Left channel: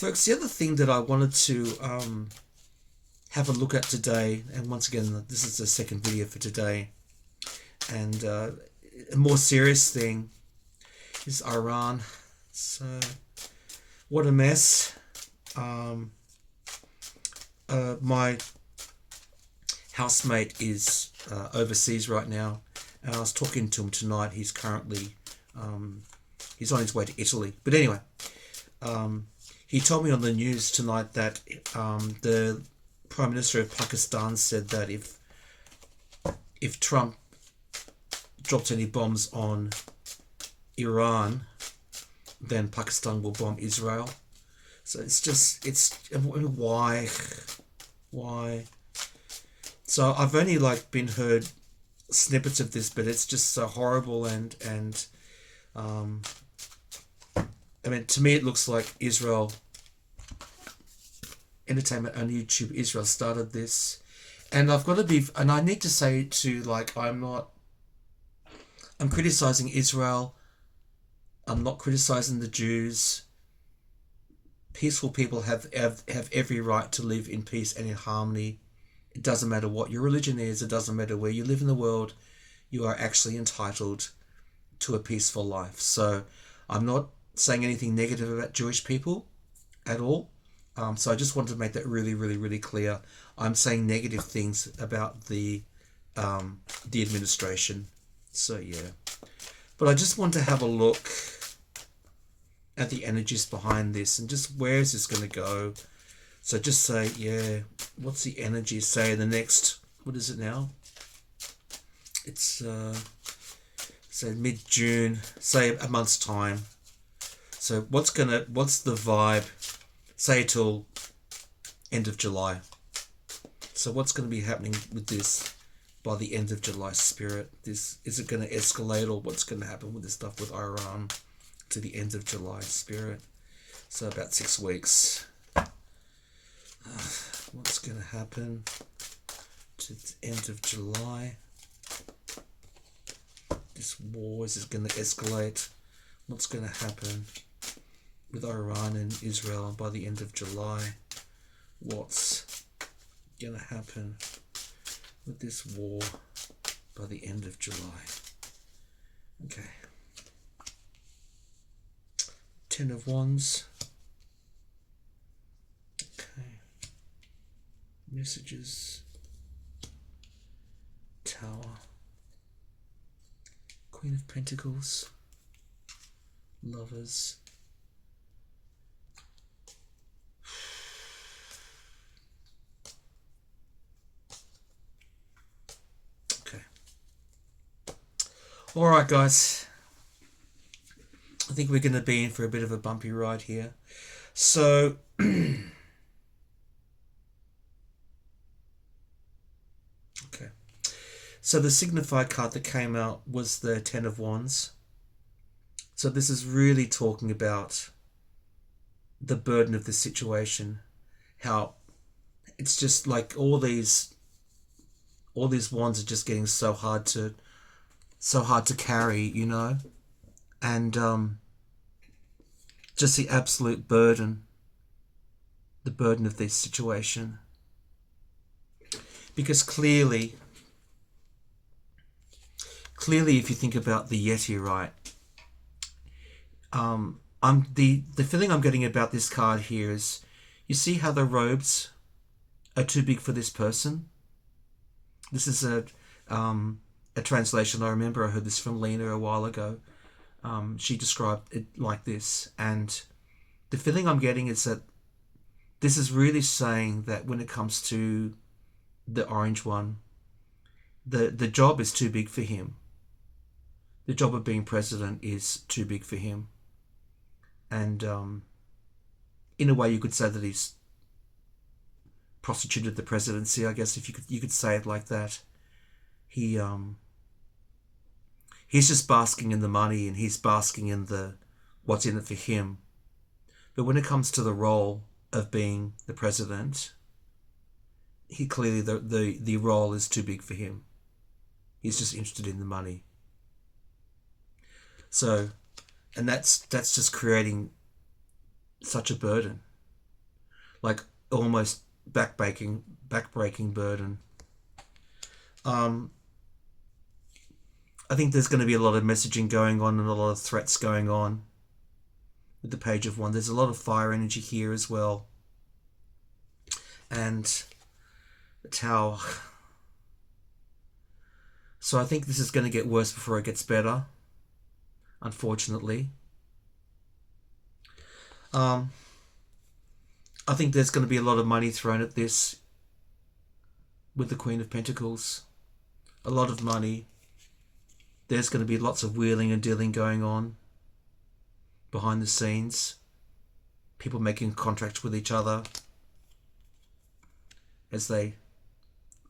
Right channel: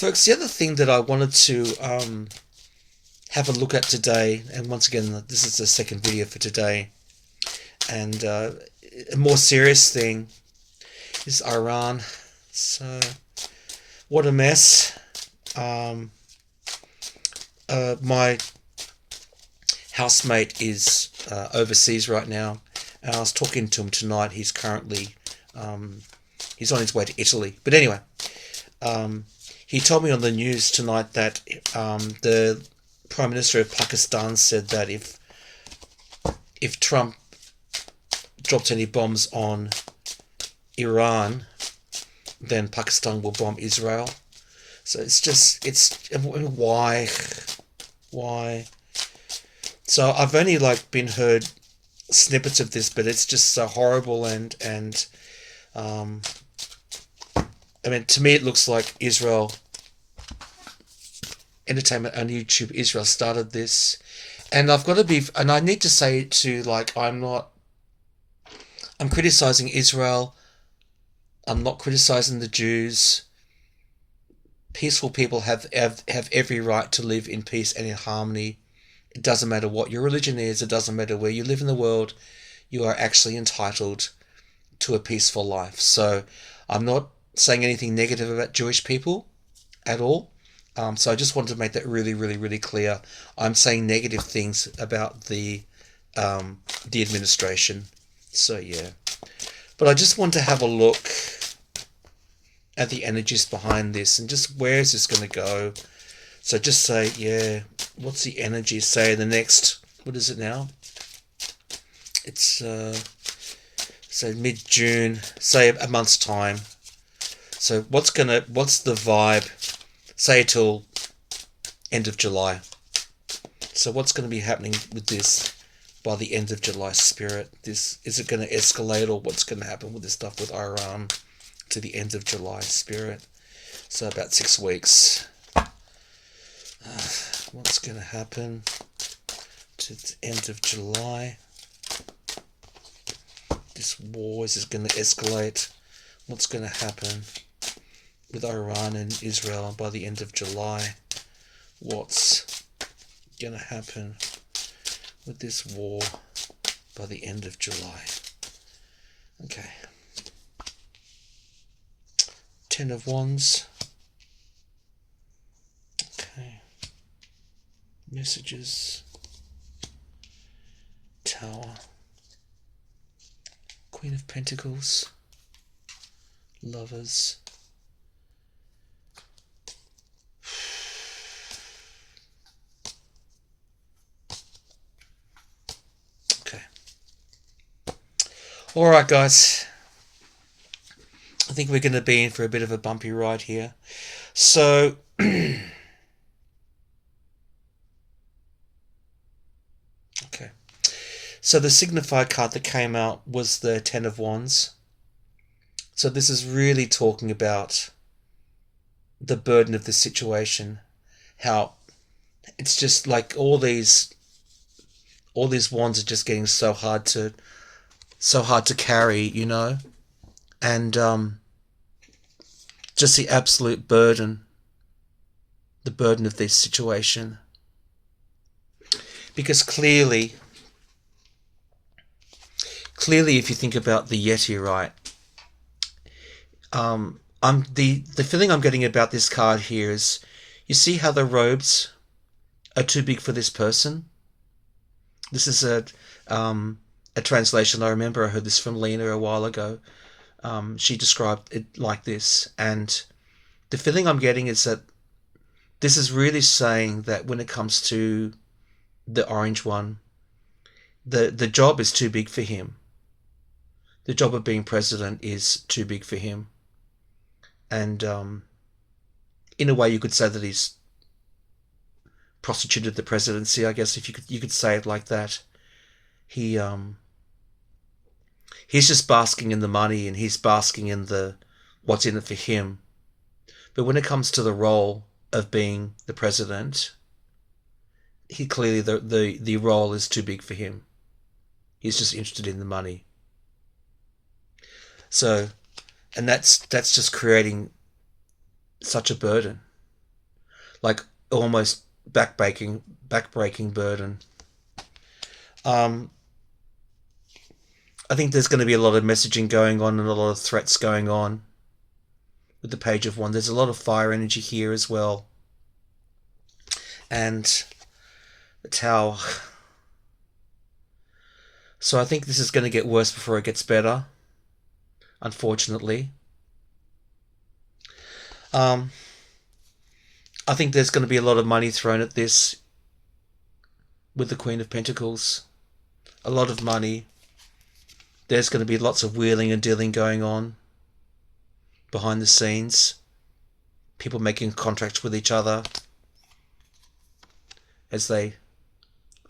Folks, the other thing that I wanted to have a look at today, and once again, this is the second video for today, and a more serious thing is Iran. So, what a mess. Um, my housemate is overseas right now, and I was talking to him tonight. He's currently he's on his way to Italy. But anyway, um, he told me on the news tonight that the Prime Minister of Pakistan said that if Trump drops any bombs on Iran, then Pakistan will bomb Israel. So it's why. So I've only been heard snippets of this, but it's just so horrible and um, I mean, to me it looks like Israel Entertainment on YouTube. Israel started this, and I need to say to I'm criticizing Israel. I'm not criticizing the Jews. Peaceful people have every right to live in peace and in harmony. It doesn't matter what your religion is. It doesn't matter where you live in the world. You are actually entitled to a peaceful life. So I'm not saying anything negative about Jewish people at all. So I just wanted to make that really, really, really clear. I'm saying negative things about the administration. So yeah, but I just want to have a look at the energies behind this and just where is this going to go. So just say, yeah, what's the energy? Say the next, what is it now? It's say mid June. Say a month's time. So what's the vibe? Say till end of July. So what's going to be happening with this by the end of July, Spirit? Is it going to escalate, or what's going to happen with this stuff with Iran to the end of July, Spirit? So about 6 weeks. What's going to happen to the end of July? This war, is going to escalate? What's going to happen with Iran and Israel by the end of July? What's going to happen with this war by the end of July? Okay. Ten of Wands. Okay. Messages. Tower. Queen of Pentacles. Lovers. Okay. Alright, guys. I think we're going to be in for a bit of a bumpy ride here. So, okay. So the signified card that came out was the Ten of Wands. So this is really talking about the burden of the situation. How it's just like all these wands are just getting so hard to carry, and just the absolute burden, of this situation. Because clearly, if you think about the Yeti, right? I'm the feeling I'm getting about this card here is, you see how the robes are too big for this person. This is a translation. I remember I heard this from Lena a while ago. She described it like this, and the feeling I'm getting is that this is really saying that when it comes to the orange one, the job is too big for him. The job of being president is too big for him, and in a way, you could say that he's prostituted the presidency. I guess if you could say it like that. He's just basking in the money, and he's basking in the what's in it for him. But when it comes to the role of being the president, he clearly the role is too big for him. He's just interested in the money. So, and that's just creating such a burden. like almost backbreaking burden. Um, I think there's going to be a lot of messaging going on and a lot of threats going on with the Page of Wands. There's a lot of fire energy here as well, and the Tower. So I think this is going to get worse before it gets better, unfortunately. Um, I think there's going to be a lot of money thrown at this with the Queen of Pentacles. A lot of money. There's going to be lots of wheeling and dealing going on behind the scenes. People making contracts with each other as they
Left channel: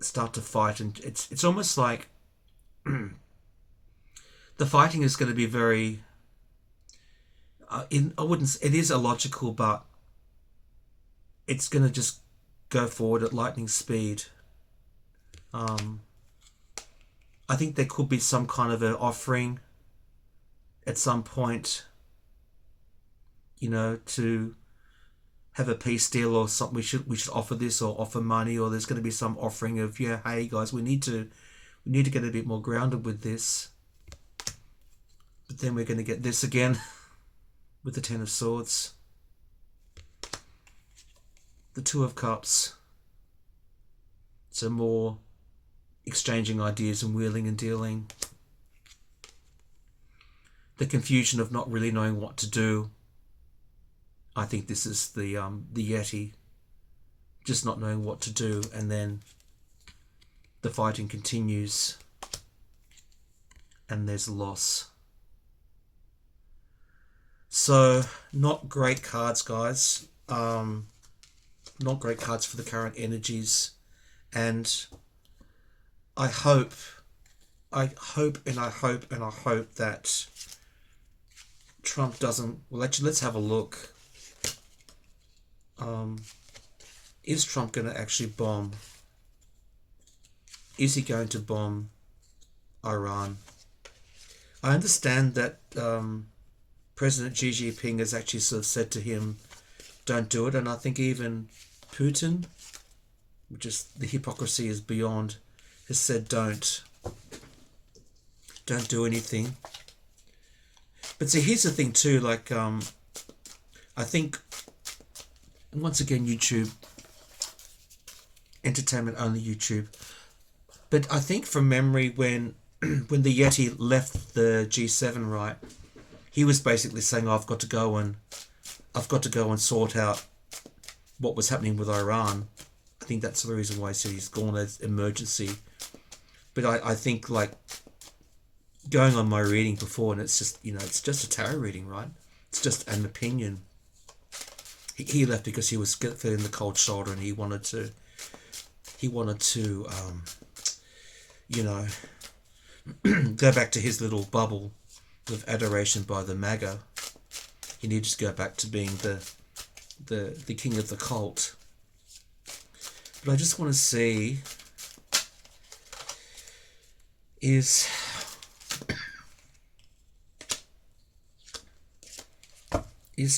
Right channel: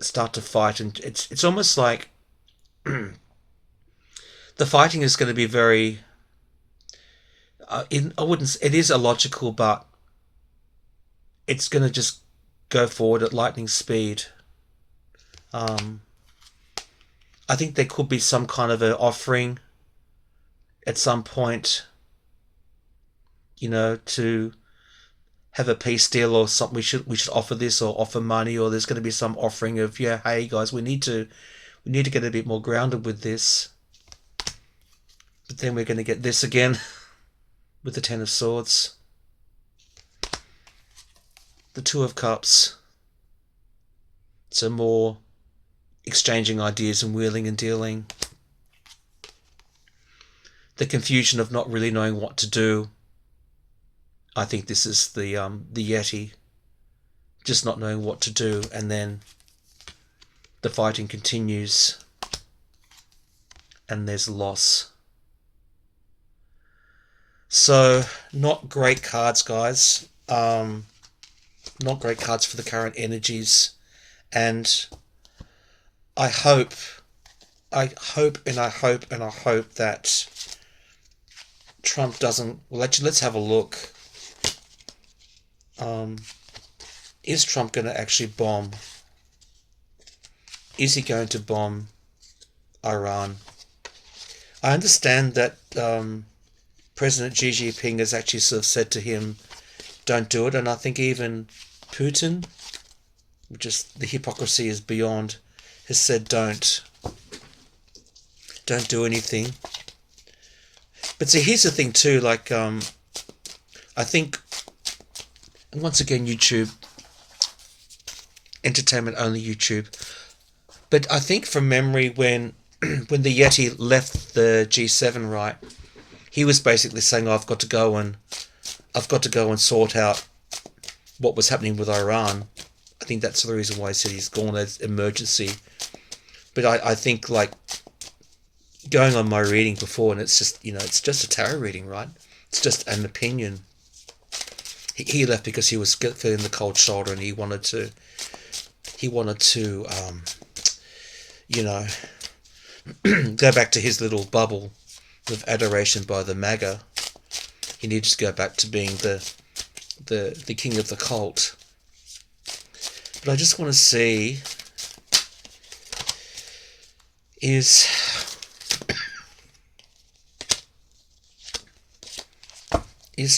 start to fight, and it's almost like the fighting is going to be very. I wouldn't. It is illogical, but it's going to just go forward at lightning speed. Um, I think there could be some kind of an offering at some point, to have a peace deal or something. We should offer this or offer money, or there's going to be some offering of, yeah, hey guys, we need to get a bit more grounded with this. But then we're going to get this again with the Ten of Swords, the Two of Cups. So more exchanging ideas and wheeling and dealing. The confusion of not really knowing what to do. I think this is the Yeti, just not knowing what to do, and then the fighting continues, and there's loss. So not great cards, guys. Not great cards for the current energies, and I hope that Trump doesn't. Well, actually, let's have a look. Is Trump going to actually bomb? Is he going to bomb Iran? I understand that President Xi Jinping has actually sort of said to him, don't do it. And I think even Putin, just the hypocrisy is beyond, has said don't do anything. But see, here's the thing too, like I think, and once again, YouTube, entertainment only YouTube, but I think from memory, when when the Yeti left the G7, right, he was basically saying, I've got to go and sort out what was happening with Iran. I think that's the reason why he said he's gone as emergency. But I think, like, going on my reading before, and it's just a tarot reading, right? It's just an opinion. He left because he was feeling the cold shoulder, and he wanted to go back to his little bubble of adoration by the MAGA. He needed to go back to being the king of the cult. But I just want to see, is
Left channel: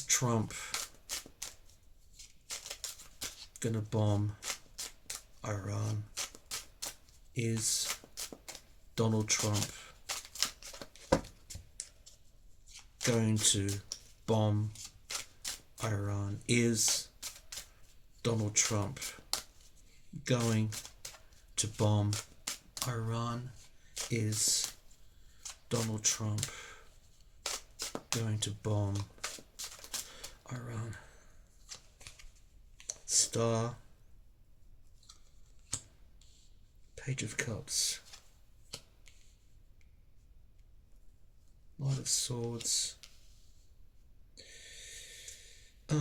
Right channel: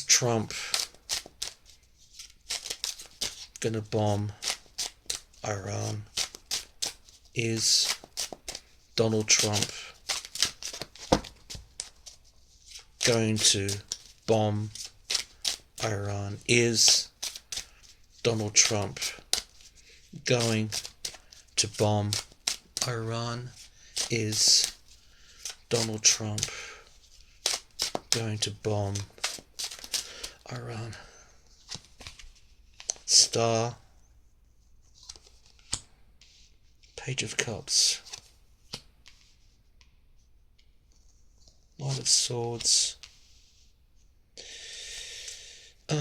Trump gonna bomb Iran? Is Donald Trump going to bomb Iran? Is Donald Trump going to bomb Iran? Is Donald Trump going to bomb Iran? Star, Page of Cups, Knight of Swords. Okay.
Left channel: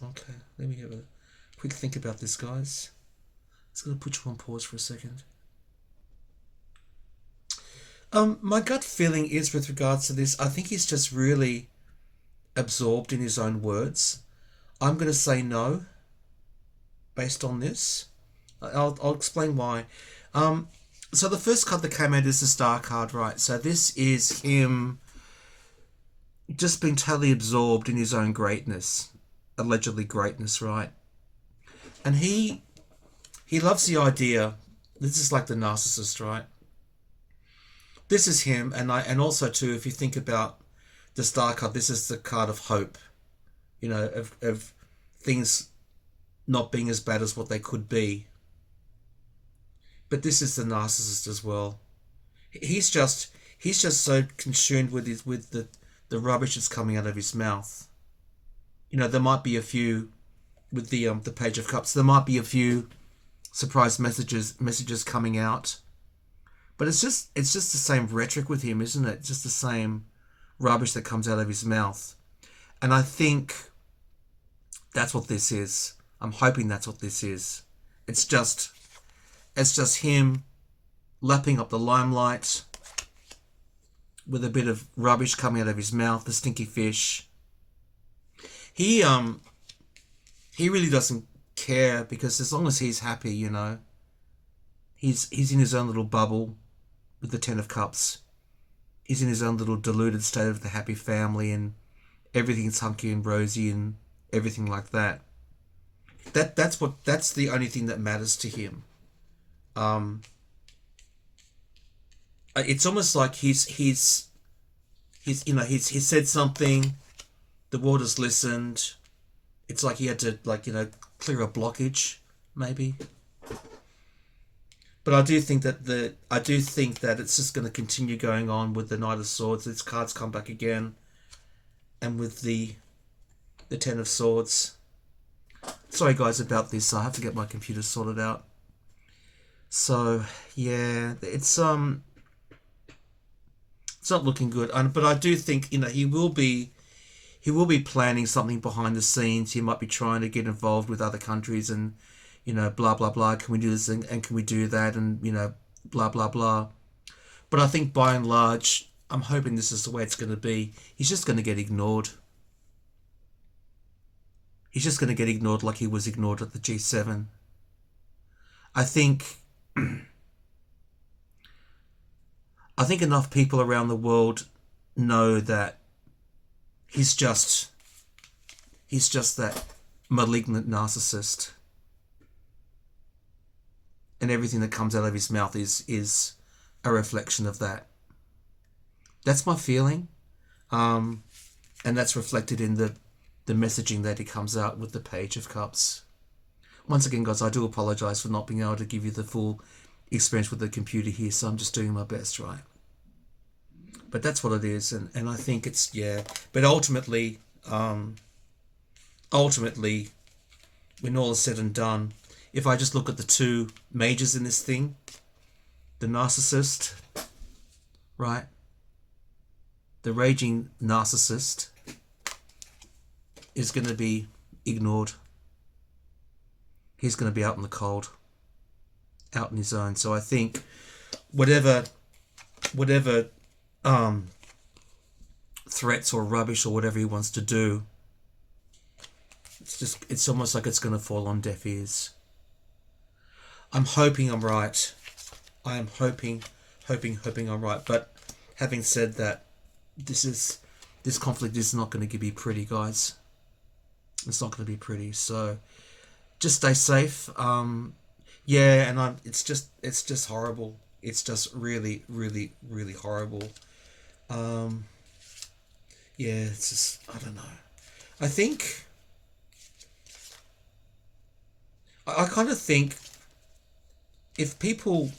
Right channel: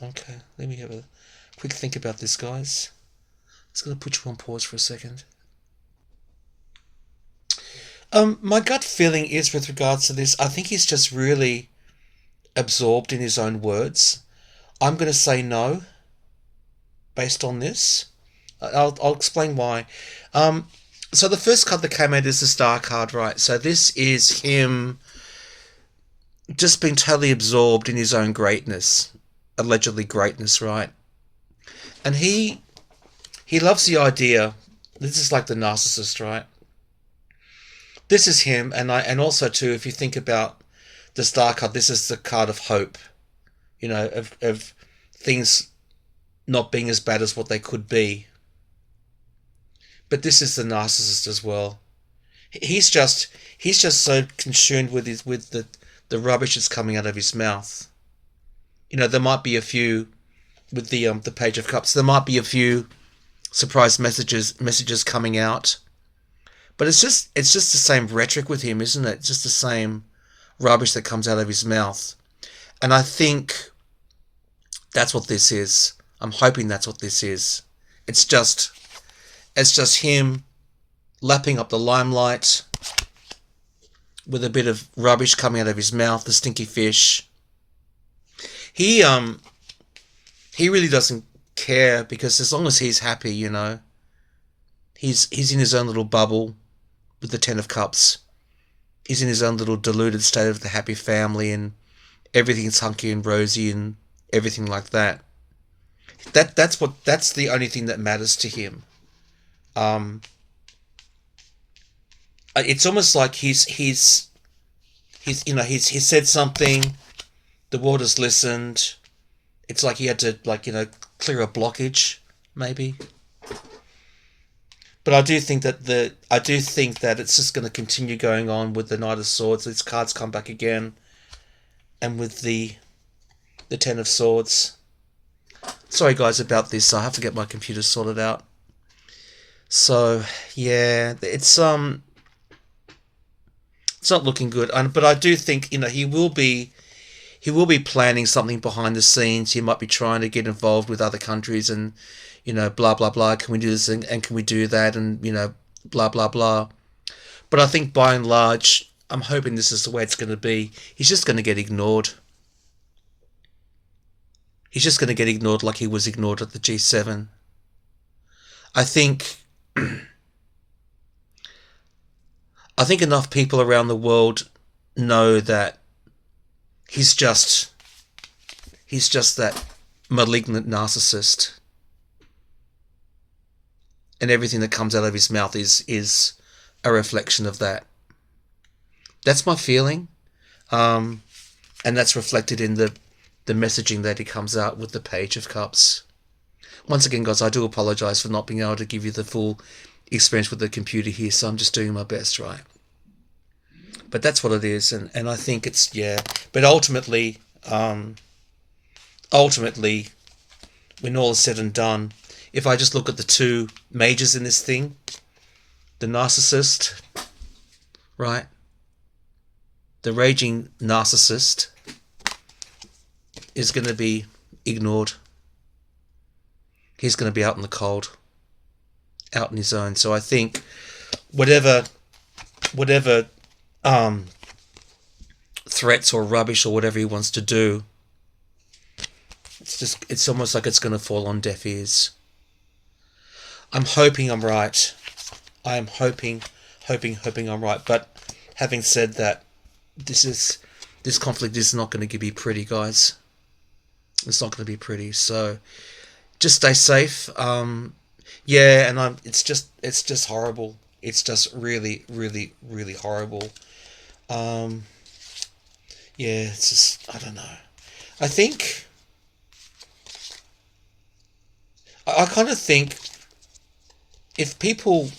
Okay, let me have a quick think about this, guys. It's going to put you on pause for a second. My gut feeling is, with regards to this, I think he's just really absorbed in his own words. I'm going to say no, based on this. I'll explain why. So the first card that came out is the Star card, right? So this is him just being totally absorbed in his own greatness, allegedly greatness, right? And he loves the idea. This is like the narcissist, right? This is him, and also too, if you think about the Star card, this is the card of hope. Of things not being as bad as what they could be. But this is the narcissist as well. He's just he's just so consumed with the rubbish that's coming out of his mouth. There might be a few with the Page of Cups. There might be a few surprise messages coming out, but it's just the same rhetoric with him, isn't it? It's just the same rubbish that comes out of his mouth, and I think that's what this is. I'm hoping that's what this is. It's just it's just him lapping up the limelight with a bit of rubbish coming out of his mouth, the stinky fish. He he really doesn't care because as long as he's happy, he's in his own little bubble with the Ten of Cups. He's in his own little deluded state of the happy family and everything's hunky and rosy and everything like that. That's the only thing that matters to him. Um, it's almost like he's said something, the world has listened. It's like he had to clear a blockage, maybe. But I do think that it's just going to continue going on with the Knight of Swords. These cards come back again, and with the Ten of Swords. Sorry guys about this. I have to get my computer sorted out. So yeah, it's not looking good. But I do think he will be planning something behind the scenes. He might be trying to get involved with other countries and blah blah blah. Can we do this and can we do that and blah blah blah. But I think by and large, I'm hoping this is the way it's going to be. He's just going to get ignored. He's just going to get ignored like he was ignored at the G7. I think I think enough people around the world know that he's just he's just that malignant narcissist, and everything that comes out of his mouth is a reflection of that. That's my feeling, um, and that's reflected in the messaging that he comes out with the Page of Cups. Once again, guys, I do apologise for not being able to give you the full experience with the computer here, so I'm just doing my best, right? But that's what it is, and I think it's yeah. But ultimately, when all is said and done, if I just look at the two majors in this thing, the narcissist, right? The raging narcissist is going to be ignored. He's going to be out in the cold, out in his own. So I think whatever um, threats or rubbish or whatever he wants to do, it's almost like it's going to fall on deaf ears. I'm hoping I'm right. I am hoping I'm right. But having said that, this conflict is not going to be pretty, guys. It's not going to be pretty. So just stay safe. Yeah, and it's just horrible. It's just really, really, really horrible. Um, yeah, it's just I don't know. I think I kind of think if people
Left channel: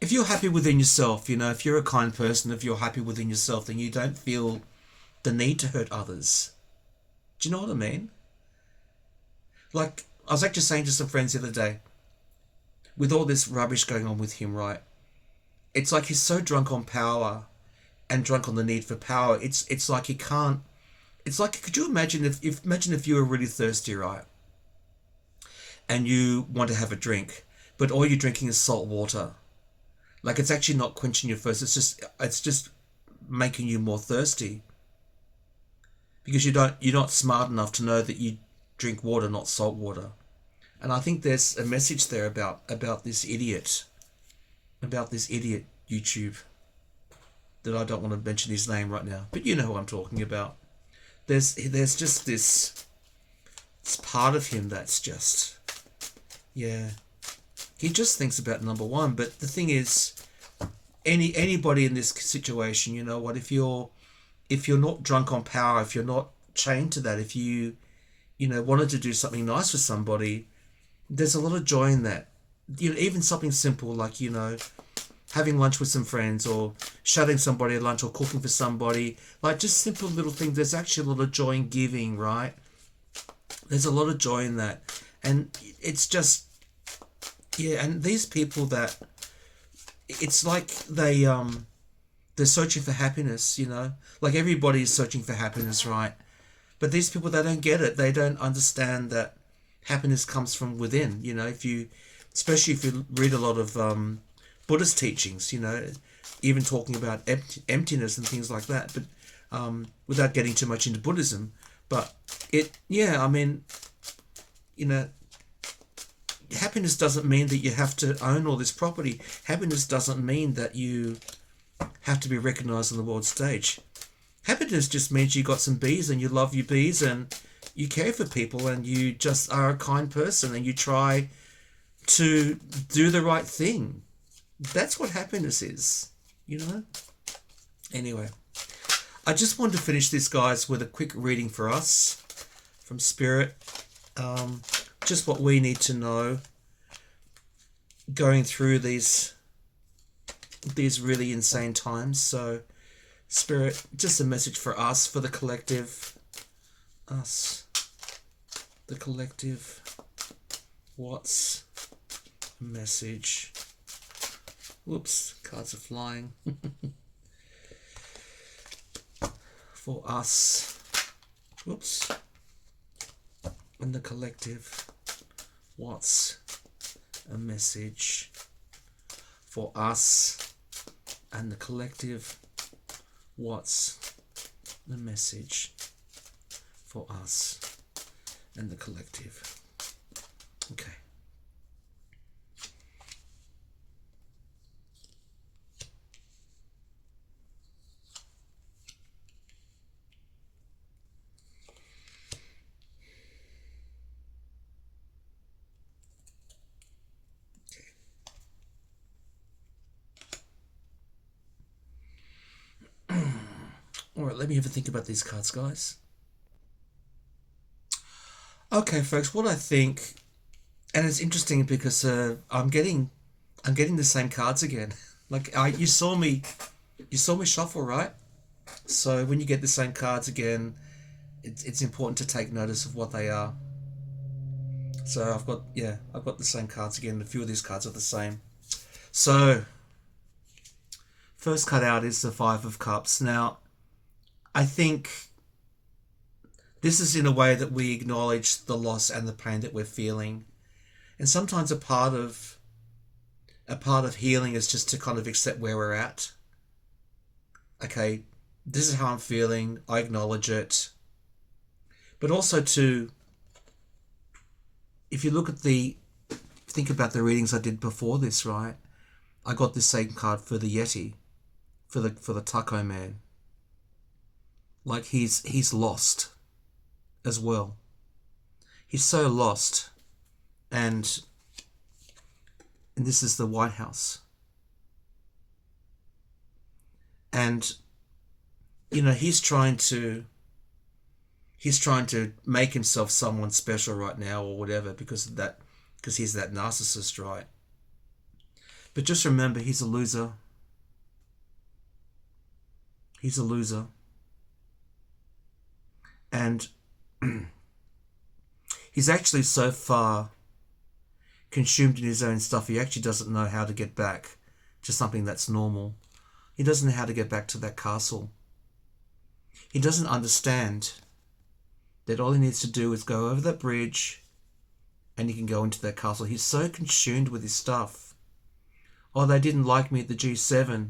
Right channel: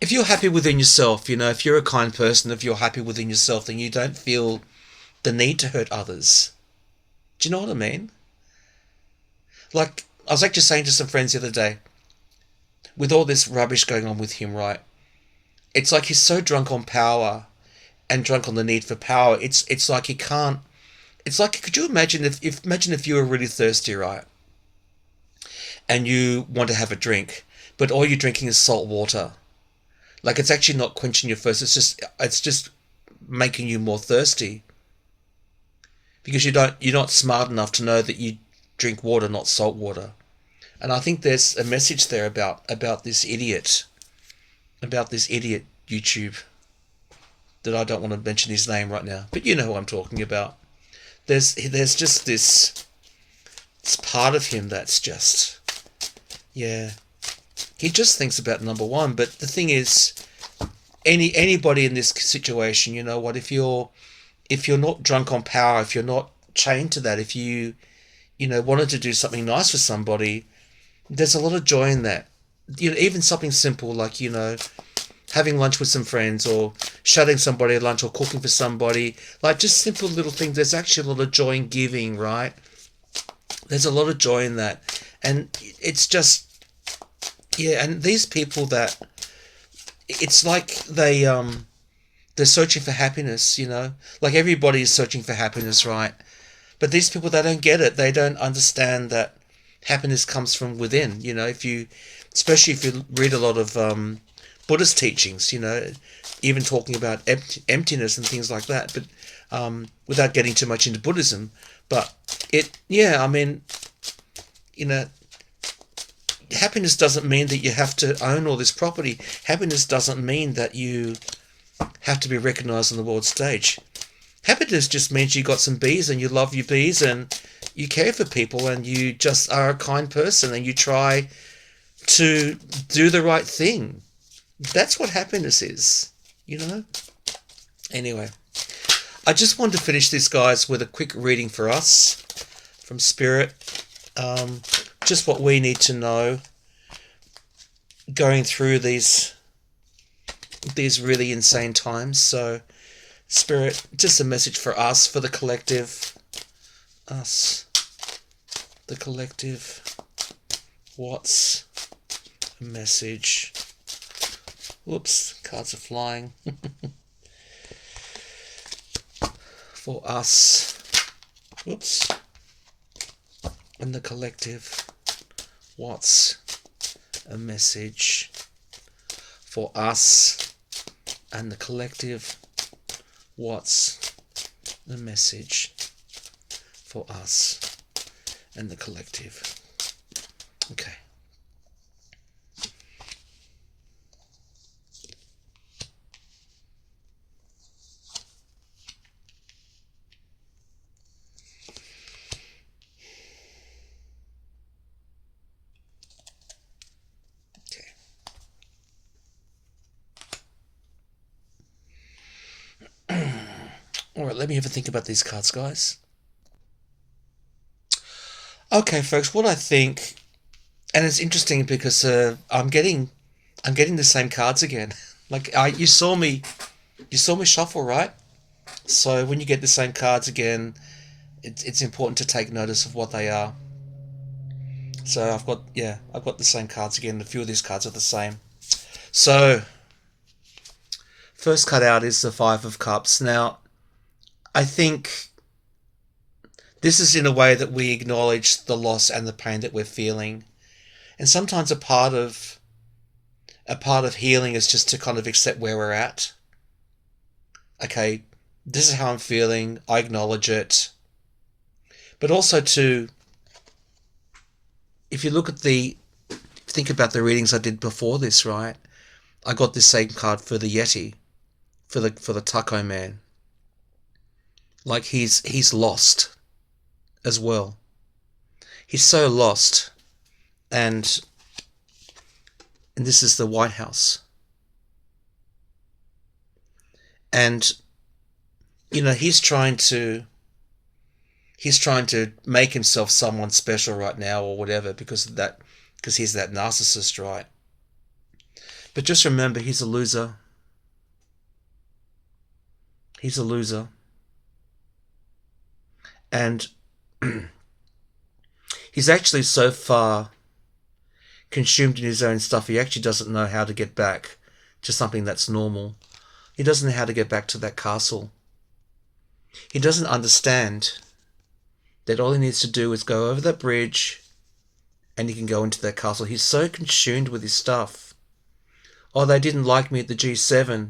if you're happy within yourself, if you're a kind person, if you're happy within yourself, then you don't feel the need to hurt others. Do you know what I mean? Like, I was actually saying to some friends the other day, with all this rubbish going on with him, right? It's like he's so drunk on power and drunk on the need for power. It's like he can't. It's like, could you imagine if you were really thirsty, right? And you want to have a drink, but all you're drinking is salt water. Like, it's actually not quenching your thirst. It's just making you more thirsty because you're not smart enough to know that you drink water, not salt water. And I think there's a message there about this idiot YouTube that I don't want to mention his name right now, but you know who I'm talking about. There's just this it's part of him that's just, yeah, he just thinks about number one. But the thing is, anybody in this situation, you know what, if you're not drunk on power, if you're not chained to that, if you know wanted to do something nice for somebody, there's a lot of joy in that. You know, even something simple like, you know, having lunch with some friends, or shutting somebody at lunch, or cooking for somebody, like just simple little things. There's actually a lot of joy in giving, right? There's a lot of joy in that. And it's just, yeah, and these people that, it's like they're searching for happiness, you know? Like everybody is searching for happiness, right? But these people, they don't get it. They don't understand that happiness comes from within, you know? Especially if you read a lot of Buddhist teachings, you know, even talking about emptiness and things like that, but without getting too much into Buddhism. But yeah, I mean, you know, happiness doesn't mean that you have to own all this property. Happiness doesn't mean that you have to be recognized on the world stage. Happiness just means you got some bees and you love your bees and you care for people and you just are a kind person and you try to do the right thing. That's what happiness is, you know? Anyway, I just wanted to finish this, guys, with a quick reading for us from Spirit. Just what we need to know going through these really insane times. So, Spirit, just a message for us, for the collective. Us. The collective. What's a message? Whoops, cards are flying. For us. Whoops. And the collective. What's a message for us and the collective? What's the message for us and the collective? Okay. All right, let me have a think about these cards, guys. Okay, folks, what I think, and it's interesting because I'm getting the same cards again. Like you saw me shuffle, right? So when you get the same cards again, it's important to take notice of what they are. So I've got the same cards again. A few of these cards are the same. So first card out is the Five of Cups. Now, I think this is in a way that we acknowledge the loss and the pain that we're feeling. And sometimes a part of healing is just to kind of accept where we're at. Okay, this is how I'm feeling. I acknowledge it. But also if you think about the readings I did before this, right? I got this same card for the Yeti, for the Taco Man. Like he's lost as well. He's so lost. And this is the White House. And you know, he's trying to make himself someone special right now or whatever because he's that narcissist, right? But just remember, he's a loser. He's a loser. And he's actually so far consumed in his own stuff, he actually doesn't know how to get back to something that's normal. He doesn't know how to get back to that castle. He doesn't understand that all he needs to do is go over that bridge and he can go into that castle. He's so consumed with his stuff. Oh, they didn't like me at the G7.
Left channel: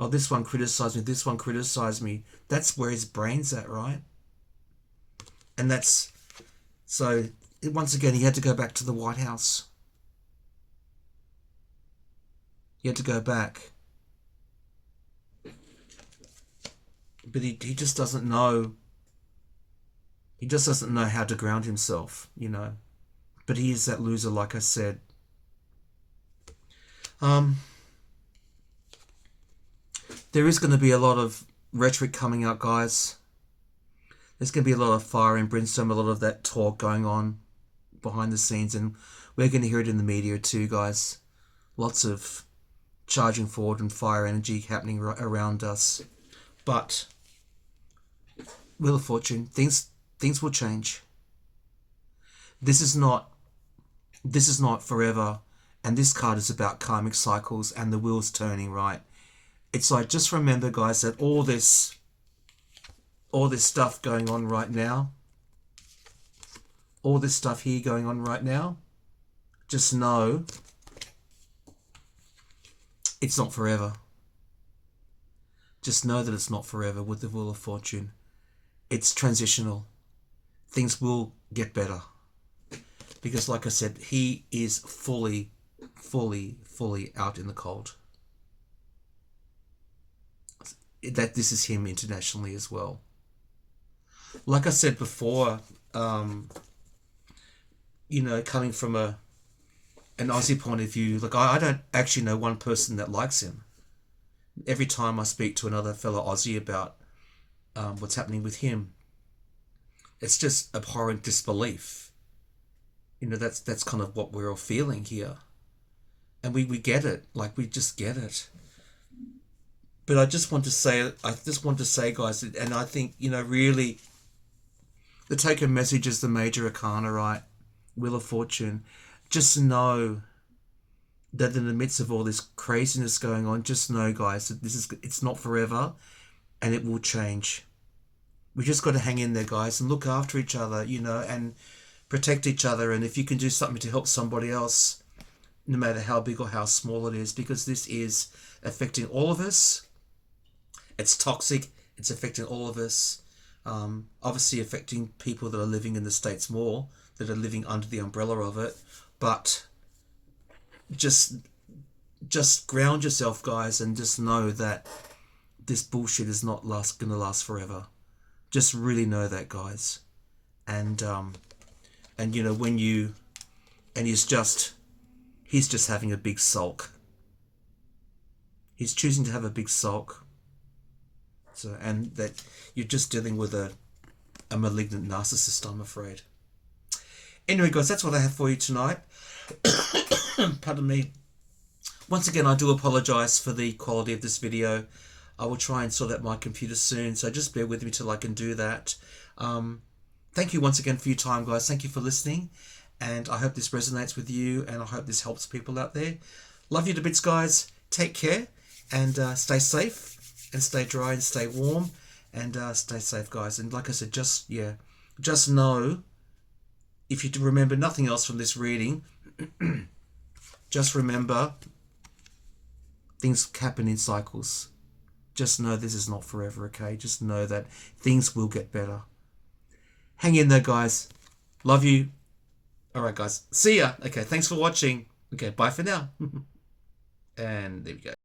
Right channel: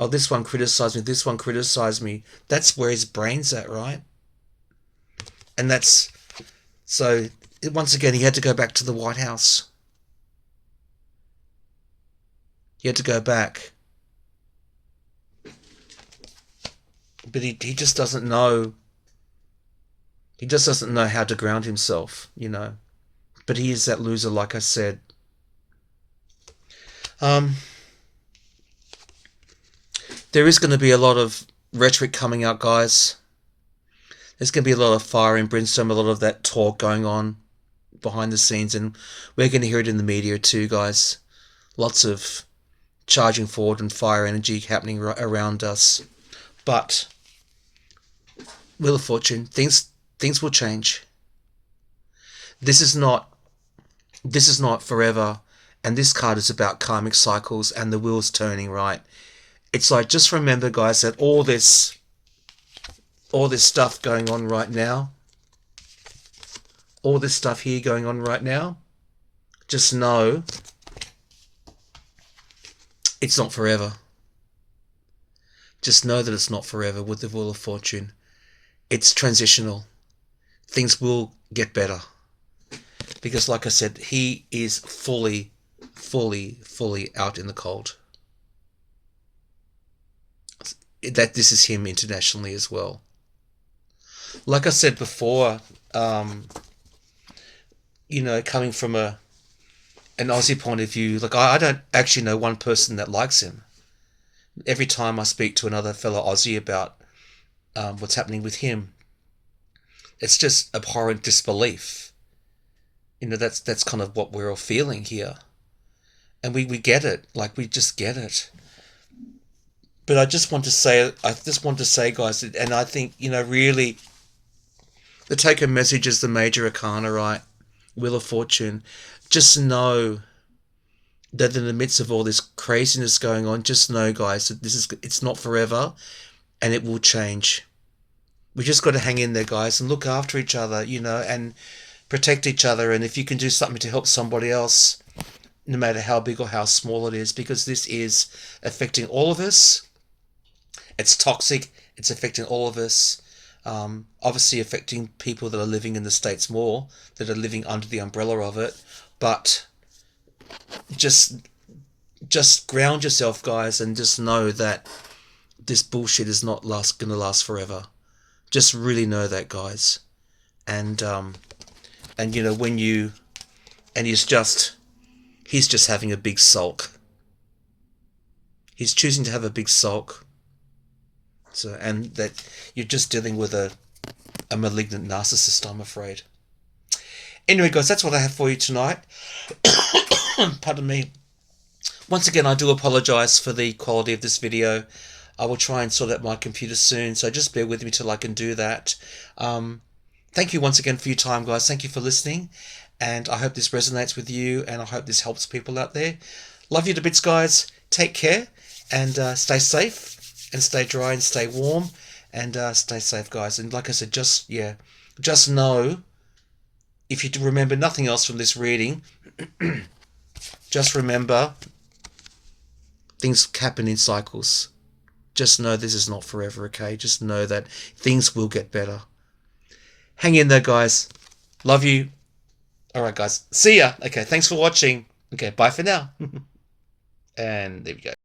Oh, this one criticized me. This one criticized me. That's where his brain's at, right? And so once again, he had to go back to the White House. He had to go back. But he just doesn't know. He just doesn't know how to ground himself, you know. But he is that loser, like I said. There is going to be a lot of rhetoric coming out, guys. There's going to be a lot of fire and brimstone, a lot of that talk going on behind the scenes, and we're going to hear it in the media too, guys. Lots of charging forward and fire energy happening around us. But Wheel of Fortune, things will change. This is not forever, and this card is about karmic cycles and the wheels turning, right? It's like, just remember, guys, that all this stuff going on right now, all this stuff here going on right now, just know it's not forever. Just know that it's not forever with the Wheel of Fortune. It's transitional. Things will get better. Because like I said, he is fully out in the cold. That this is him internationally as well. Like I said before, you know, coming from an Aussie point of view, like I don't actually know one person that likes him. Every time I speak to another fellow Aussie about what's happening with him, it's just abhorrent disbelief. You know, that's kind of what we're all feeling here. And we get it. Like, we just get it. But I just want to say, guys, and I think, you know, really, the take-home message is the Major Arcana, right? Wheel of Fortune. Just know that in the midst of all this craziness going on, just know, guys, that it's not forever, and it will change. We just got to hang in there, guys, and look after each other, you know, and protect each other. And if you can do something to help somebody else, no matter how big or how small it is, because this is affecting all of us. It's toxic. It's affecting all of us. Obviously affecting people that are living in the States more, that are living under the umbrella of it. But just ground yourself, guys, and just know that this bullshit is not going to last forever. Just really know that, guys. And you know, he's just having a big sulk. He's choosing to have a big sulk. So, and that you're just dealing with a malignant narcissist, I'm afraid. Anyway, guys, that's what I have for you tonight. Pardon me. Once again, I do apologize for the quality of this video. I will try and sort out my computer soon, so just bear with me till I can do that. Thank you once again for your time, guys. Thank you for listening, and I hope this resonates with you, and I hope this helps people out there. Love you to bits, guys. Take care, and stay safe, and stay dry, and stay warm, and stay safe, guys. And like I said, just know, if you remember nothing else from this reading, just remember, things happen in cycles. Just know this is not forever, okay? Just know that things will get better. Hang in there, guys. Love you. All right, guys. See ya. Okay, thanks for watching. Okay, bye for now. And there we go.